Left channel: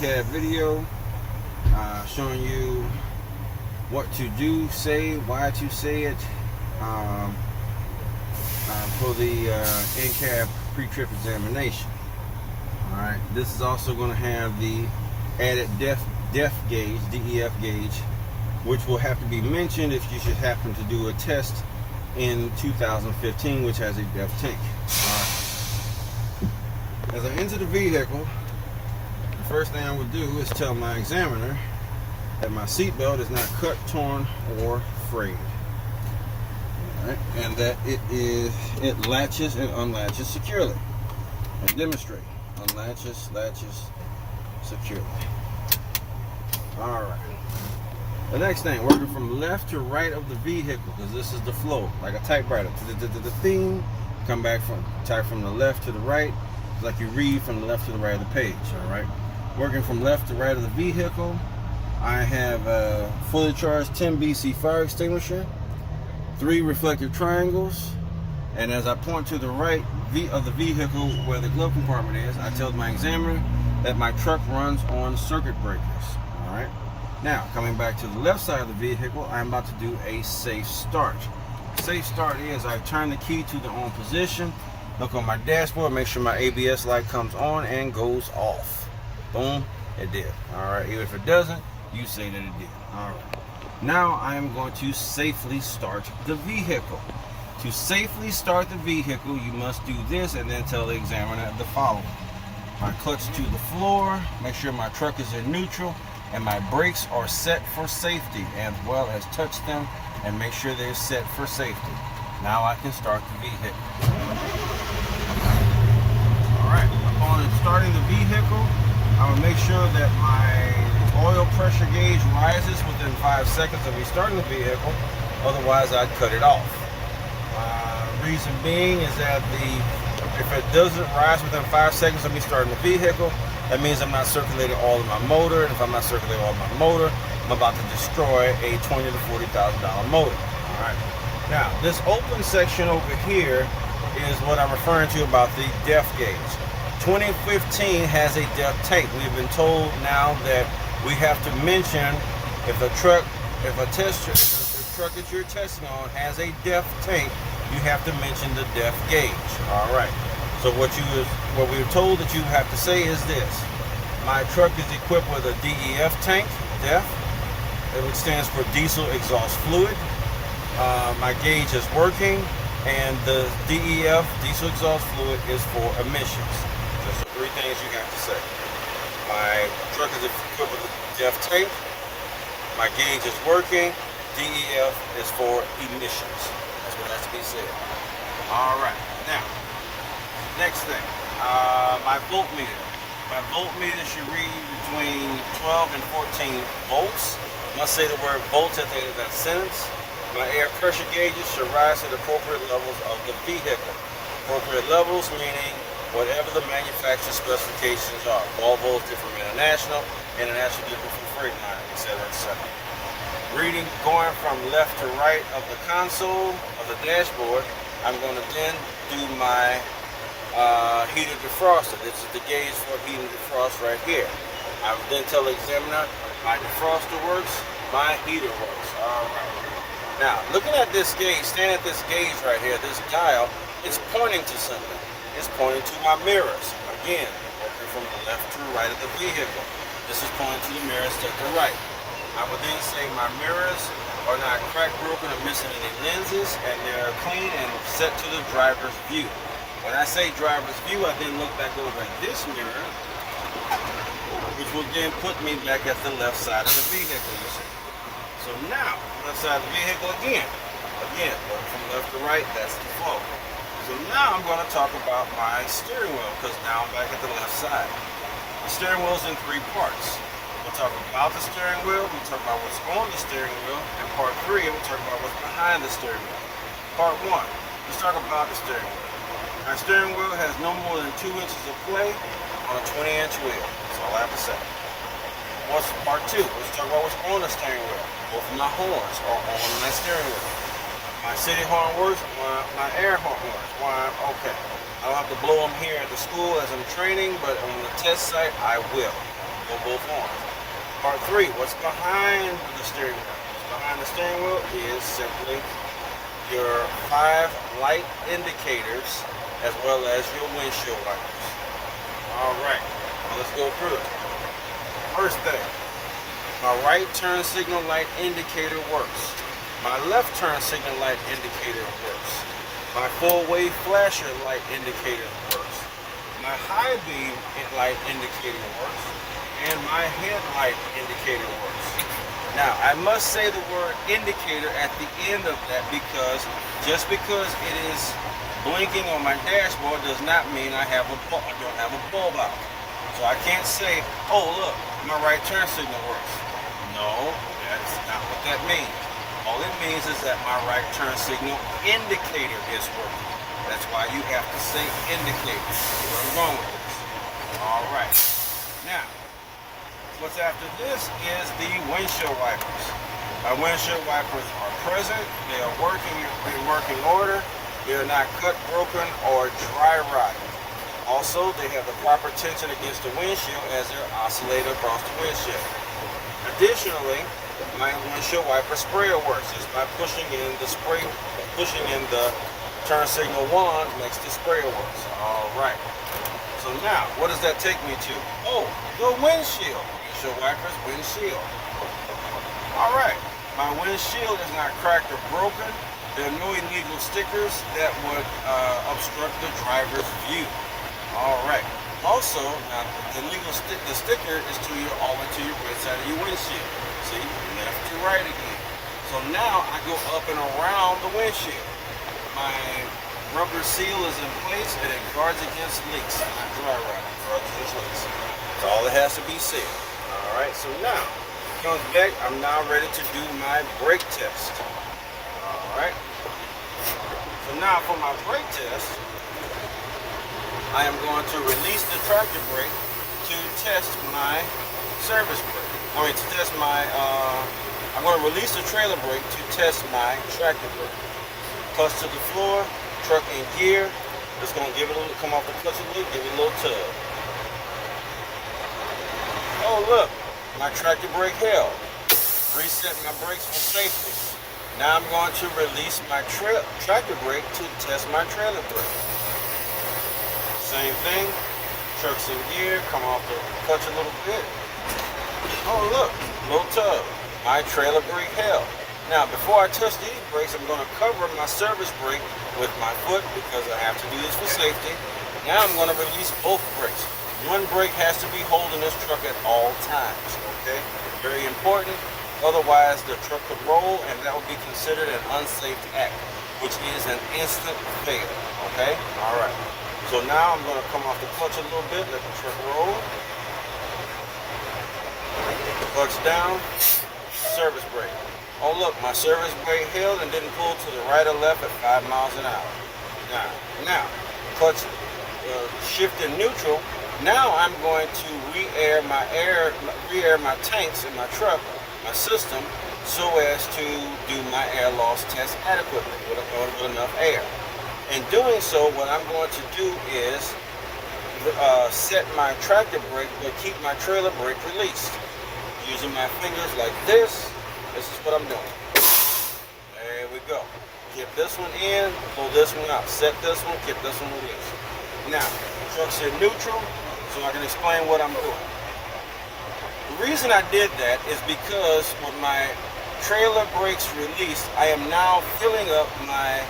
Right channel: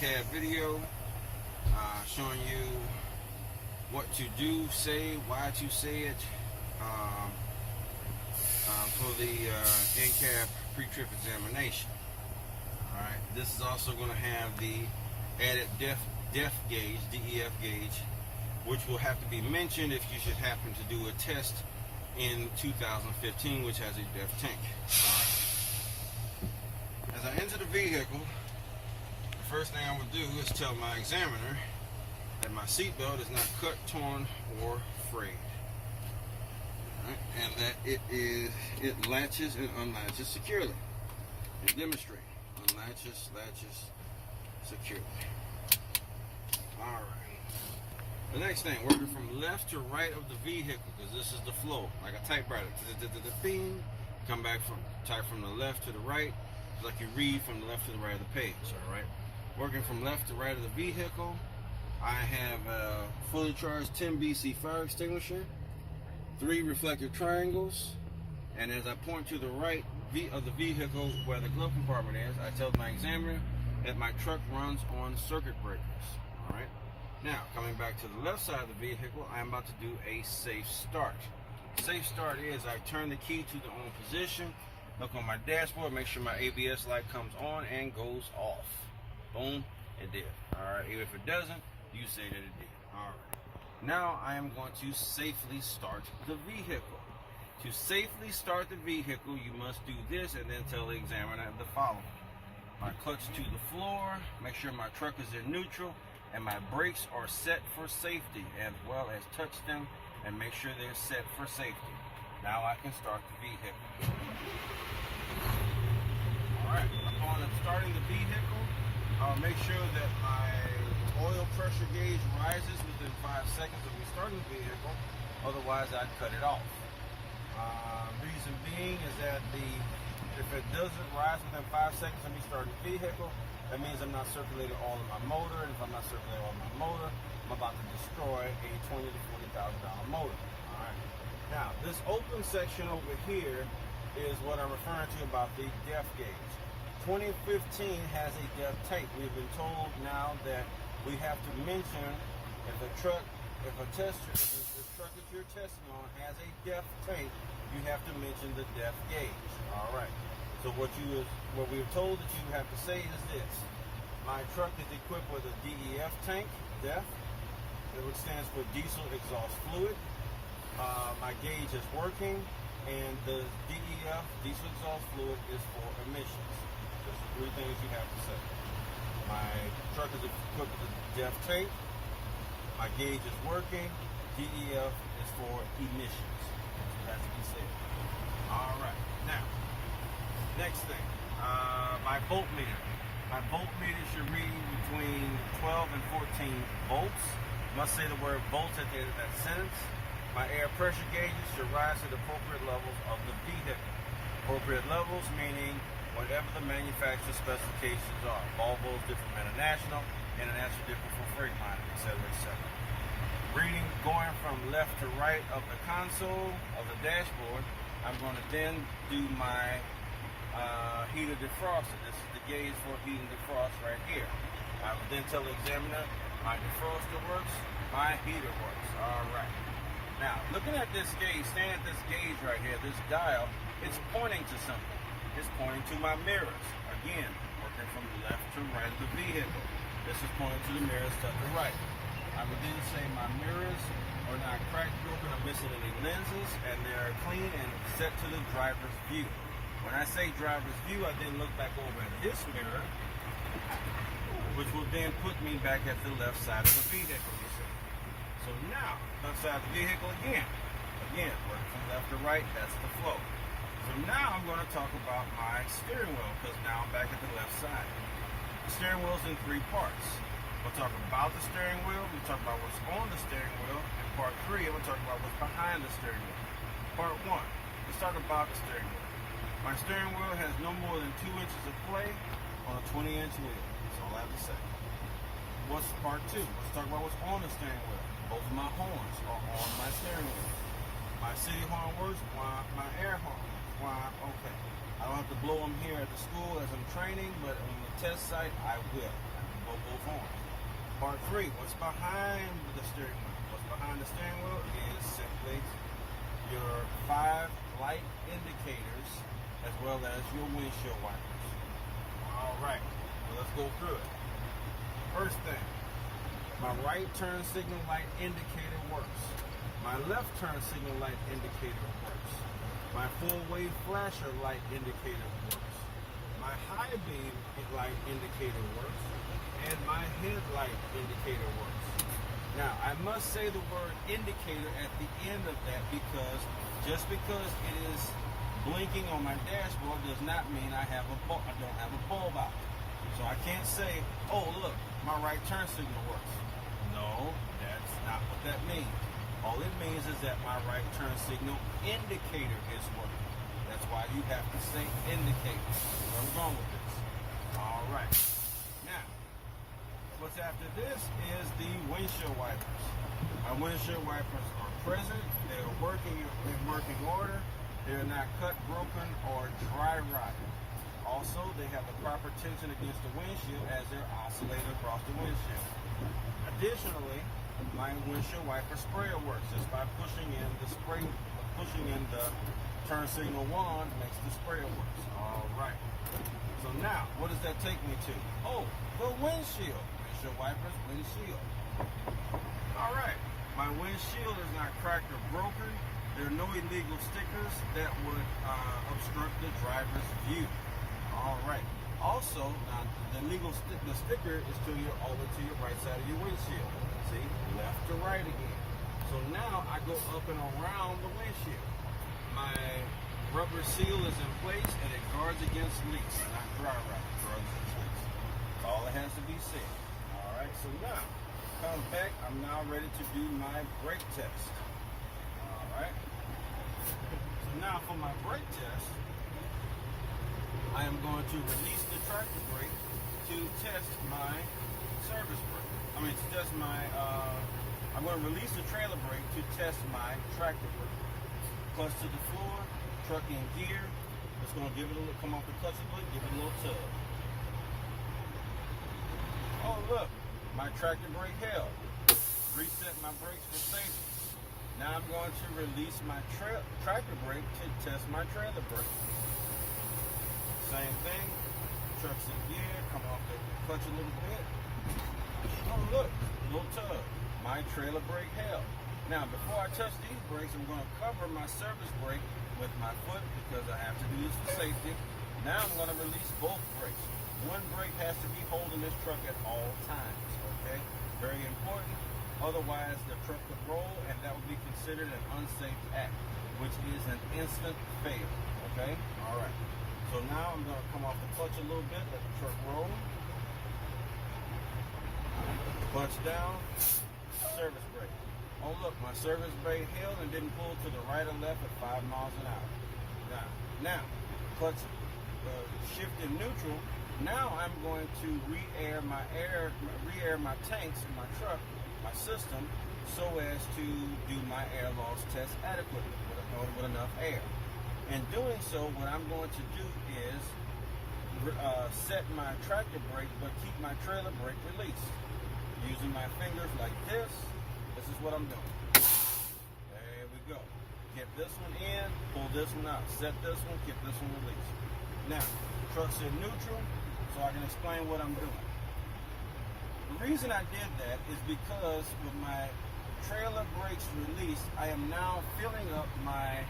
recap video showing you what to do, say, why to say it for the NCAP pre-trip examination. Alright, this is also going to have the added def gauge, DEF gauge, which will have to be mentioned if you should happen to do a test in 2015, which has a def tank. Alright. As I enter the vehicle, the first thing I would do is tell my examiner that my seatbelt is not cut, torn, or frayed. Alright, and that it latches and unlatches securely. And demonstrate. Unlatches, latches securely. Alright. The next thing, working from left to right of the vehicle, because this is the flow, like a typewriter. The thing, come back from, type from the left to the right, like you read from the left to the right of the page. Alright. Working from left to right of the vehicle, I have a fully charged 10 BC fire extinguisher, 3 reflective triangles, and as I point to the right of the vehicle where the glove compartment is, I tell my examiner that my truck runs on circuit breakers. Alright. Now, coming back to the left side of the vehicle, I'm about to do a safe start. Safe start is I turn the key to the on position, look on my dashboard, make sure my ABS light comes on and goes off. Boom, it did. Alright, even if it doesn't, you say that it did. Alright. Now I am going to safely start the vehicle. To safely start the vehicle, you must do this and then tell the examiner the following. My clutch to the floor, make sure my truck is in neutral, and my brakes are set for safety, as well as touch them and make sure they're set for safety. Now I can start the vehicle. Alright, upon starting the vehicle, I will make sure that my oil pressure gauge rises within 5 seconds of me starting the vehicle, otherwise I'd cut it off. Reason being is that if it doesn't rise within 5 seconds of me starting the vehicle, that means I'm not circulating all of my motor, and if I'm not circulating all of my motor, I'm about to destroy a $20,000 to $40,000 motor. Alright. Now, this open section over here is what I'm referring to about the def gauge. 2015 has a def tank. We've been told now that we have to mention if the truck that you're testing on has a def tank, you have to mention the def gauge. Alright. So what we were told that you have to say is this. My truck is equipped with a DEF tank, DEF, which stands for diesel exhaust fluid. My gauge is working, and the DEF, diesel exhaust fluid, is for emissions. Those are 3 things you have to say. My truck is equipped with a DEF tank, my gauge is working, DEF is for emissions. That's what has to be said. Alright, now, next thing, my voltmeter. My voltmeter should read between 12 and 14 volts. I must say the word volts at the end of that sentence. My air pressure gauges should rise to the appropriate levels of the vehicle. Appropriate levels meaning whatever the manufacturer specifications are. Volvo is different from International, International different from Freightliner, etc., etc. Reading going from left to right of the console of the dashboard, I'm going to then do my heater defroster. This is the gauge for heater defrost right here. I will then tell the examiner my defroster works, my heater works. Alright. Now, looking at this gauge, standing at this gauge right here, this dial, it's pointing to something. It's pointing to my mirrors. Again, working from the left to right of the vehicle. This is pointing to the mirrors to the right. I would then say my mirrors are not cracked, broken, or missing any lenses, and they're clean and set to the driver's view. When I say driver's view, I then look back over at this mirror, which will then put me back at the left side of the vehicle, you see. So now, left side of the vehicle again, work from left to right, that's the flow. So now I'm going to talk about my steering wheel, because now I'm back at the left side. The steering wheel is in 3 parts. We'll talk about the steering wheel, we'll talk about what's on the steering wheel, and part 3, we'll talk about what's behind the steering wheel. Part 1, let's talk about the steering wheel. My steering wheel has no more than 2 inches of play on a 20-inch wheel. That's all I have to say. What's part 2? Let's talk about what's on the steering wheel. Both of my horns are on my steering wheel. My city horn works, my air horn works. Okay. I don't have to blow them here at the school as I'm training, but on the test site, I will. on both arms. Part 3, what's behind the steering wheel? What's behind the steering wheel is simply your 5 light indicators as well as your windshield wipers. All right, well, let's go through it. First thing, my right turn signal light indicator works. My left turn signal light indicator works. My full wave flasher light indicator works. My high beam light indicator works. And my headlight indicator works. Now, I must say the word indicator at the end of that because just because it is blinking on my dashboard does not mean I don't have a bulb out. So I can't say, oh look, my right turn signal works. No, that's not what that means. All it means is that my right turn signal indicator is working. That's why you have to say indicator. See where I'm going with this. All right. Now, what's after this is the windshield wipers. My windshield wipers are present. They are working in working order. They are not cut, broken, or dry rotted. Also, they have the proper tension against the windshield as they're oscillating across the windshield. Additionally, my windshield wiper sprayer works just by pushing in the turn signal wand makes the sprayer works. All right. So now, what does that take me to? Oh, the windshield. Windshield wipers, windshield. All right. My windshield is not cracked or broken. There are no illegal stickers that would obstruct the driver's view. All right. Also, now the sticker is all the way to your right side of your windshield. See, left to right again. So now I go up and around the windshield. My rubber seal is in place and it guards against leaks. Not dry rot, guards against leaks. That's all that has to be said. All right. So now, comes back. I'm now ready to do my brake test. All right. So now for my brake test, I am going to release the tractor brake to test my service brake. To test my, I'm going to release the trailer brake to test my tractor brake. Clutch to the floor, truck in gear. Just going to give it a little, come off the clutch a little, give it a little tug. Oh look, my tractor brake held. Reset my brakes for safety. Now I'm going to release my tractor brake to test my trailer brake. Same thing, truck's in gear, come off the clutch a little bit. Oh look, little tug. My trailer brake held. Now before I touch these brakes, I'm going to cover my service brake with my foot because I have to do this for safety. Now I'm going to release both brakes. One brake has to be holding this truck at all times, okay? Very important. Otherwise, the truck could roll and that would be considered an unsafe act, which is an instant fail, okay? All right. So now I'm going to come off the clutch a little bit, let the truck roll. Clutch down, service brake. Oh look, my service brake held and didn't pull to the right or left at 5 miles an hour. Now, clutch shift in neutral. Now I'm going to re-air my tanks in my truck, my system, so as to do my air loss test adequately with enough air. In doing so, what I'm going to do is set my tractor brake, but keep my trailer brake released. Using my fingers like this is what I'm doing. There we go. Get this one in, pull this one out. Set this one, keep this one released. Now, truck's in neutral, so I can explain what I'm doing. The reason I did that is because with my trailer brakes released, I am now filling up my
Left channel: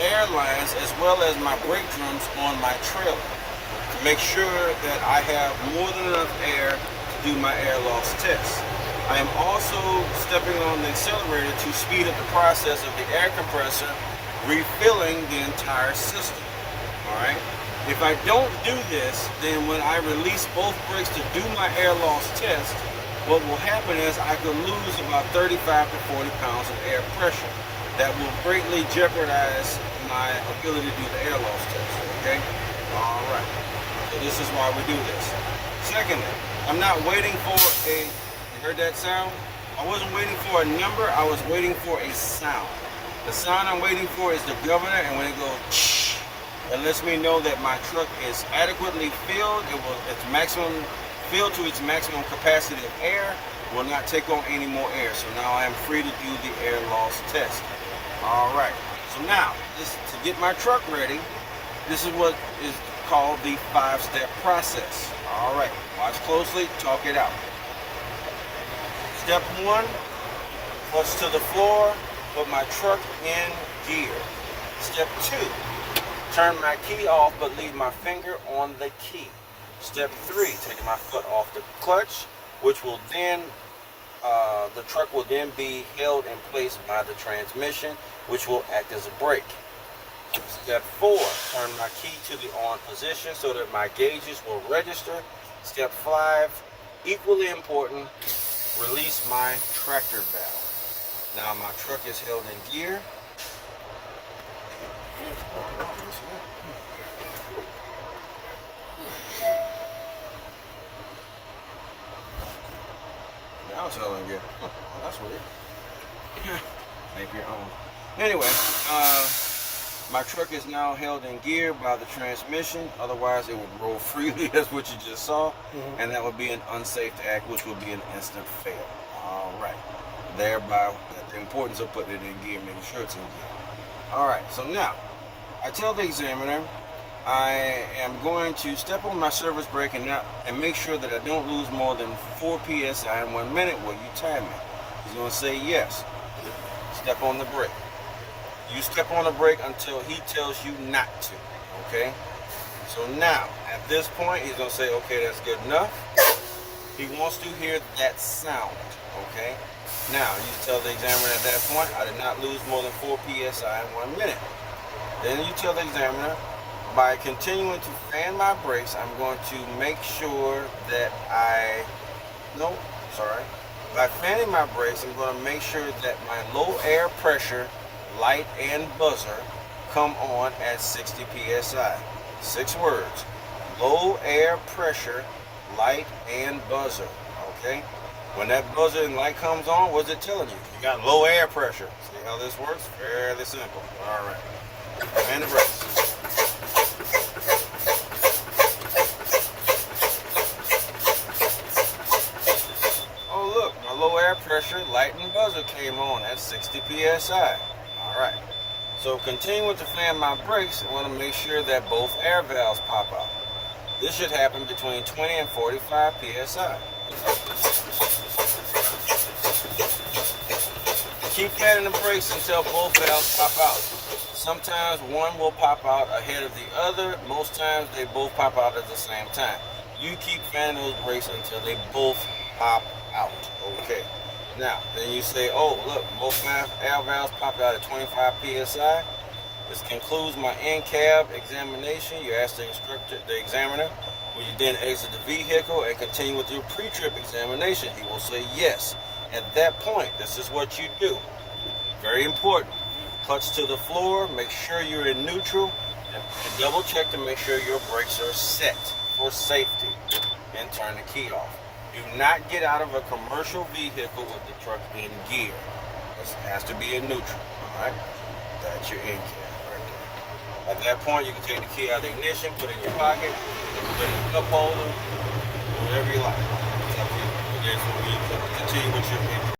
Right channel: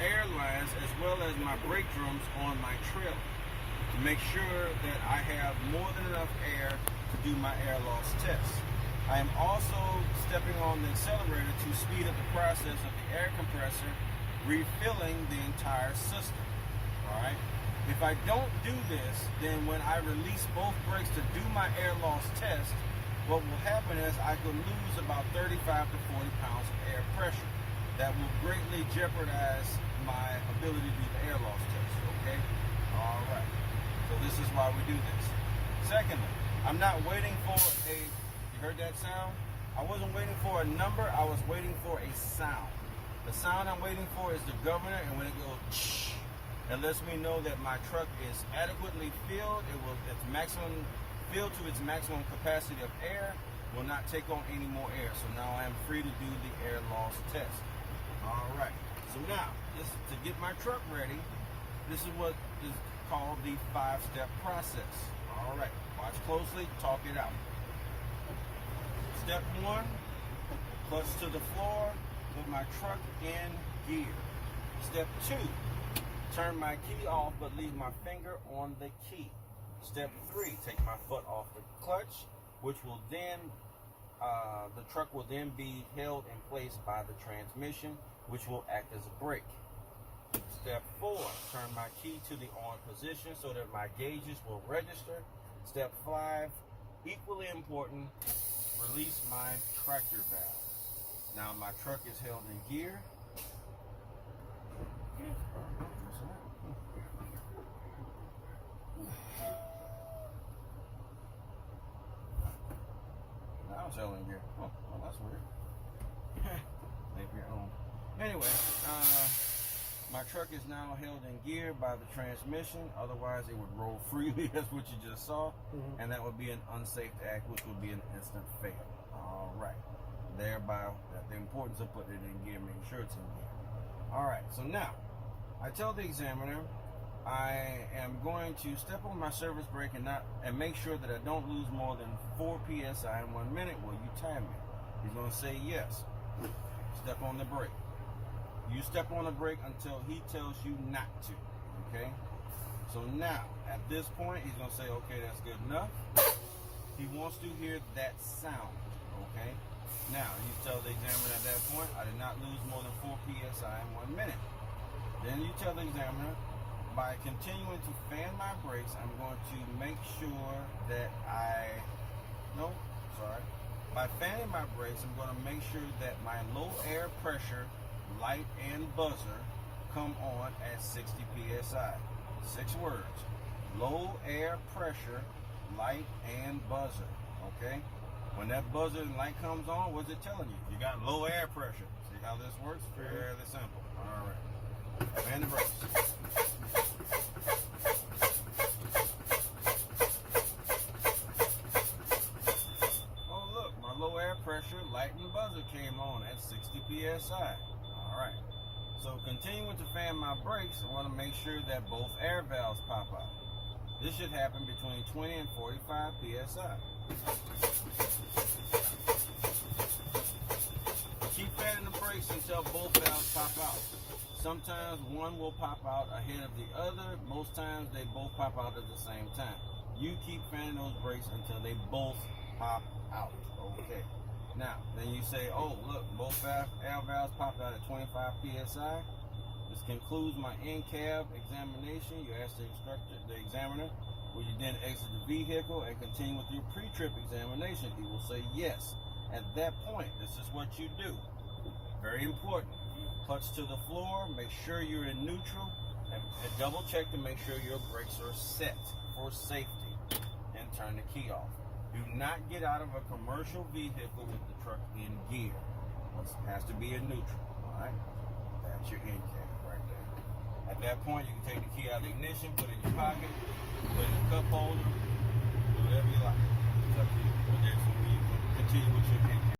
air lines as well as my brake drums on my trailer to make sure that I have more than enough air to do my air loss test. I am also stepping on the accelerator to speed up the process of the air compressor refilling the entire system. Alright? If I don't do this, then when I release both brakes to do my air loss test, what will happen is I could lose about 35 to 40 pounds of air pressure. That will greatly jeopardize my ability to do the air loss test, okay? All right, so this is why we do this. Secondly, I'm not waiting for you heard that sound? I wasn't waiting for a number, I was waiting for a sound. The sound I'm waiting for is the governor, and when it goes, it lets me know that my truck is adequately filled, its maximum filled to its maximum capacity of air, will not take on any more air. So now I am free to do the air loss test. All right. So now, to get my truck ready, this is what is called the 5-step process. All right. Watch closely. Talk it out. Step 1, clutch to the floor, put my truck in gear. Step 2, turn my key off but leave my finger on the key. Step 3, take my foot off the clutch, which will then, the truck will then be held in place by the transmission, which will act as a brake. Step 4, turn my key to the on position so that my gauges will register. Step 5, equally important, release my tractor valve. Now my truck is held in gear. Now it's held in gear. Oh, that's weird. Make your own. Anyway, my truck is now held in gear by the transmission. Otherwise, it would roll freely, as what you just saw, and that would be an unsafe act, which would be an instant fail. All right. Thereby, the importance of putting it in gear, making sure it's in gear. All right. So now, I tell the examiner I am going to step on my service brake and make sure that I don't lose more than 4 psi in 1 minute. Will you time me? He's going to say yes. Step on the brake. You step on the brake until he tells you not to, okay? So now, at this point, he's going to say, okay, that's good enough. He wants to hear that sound, okay? Now, you tell the examiner at that point, I did not lose more than 4 psi in 1 minute. Then you tell the examiner, by continuing to fan my brakes, I'm going to make sure that by fanning my brakes, I'm going to make sure that my low air pressure light and buzzer come on at 60 psi. 6 words. Low air pressure, light, and buzzer. Okay? When that buzzer and light comes on, what's it telling you? You got low air pressure. See how this works? Fairly simple. Alright. And the brakes. Oh look, my low air pressure, light, and buzzer came on at 60 psi. Alright, so continuing to fan my brakes, I want to make sure that both air valves pop out. This should happen between 20 and 45 psi. Keep fanning the brakes until both valves pop out. Sometimes one will pop out ahead of the other. Most times they both pop out at the same time. You keep fanning those brakes until they both pop out. Okay. Now, then you say, oh, look, both air valves popped out at 25 psi. This concludes my in-cab examination. You ask the examiner, will you then exit the vehicle and continue with your pre-trip examination? He will say yes. At that point, this is what you do. Very important. Clutch to the floor, make sure you're in neutral, and double check to make sure your brakes are set for safety, and turn the key off. Do not get out of a commercial vehicle with the truck in gear. It has to be in neutral, all right? That's your in cab right there. At that point, you can take the key out of the ignition, put it in your pocket, put it in the cup holder, whatever you like. It's up to you. There's where you continue with your in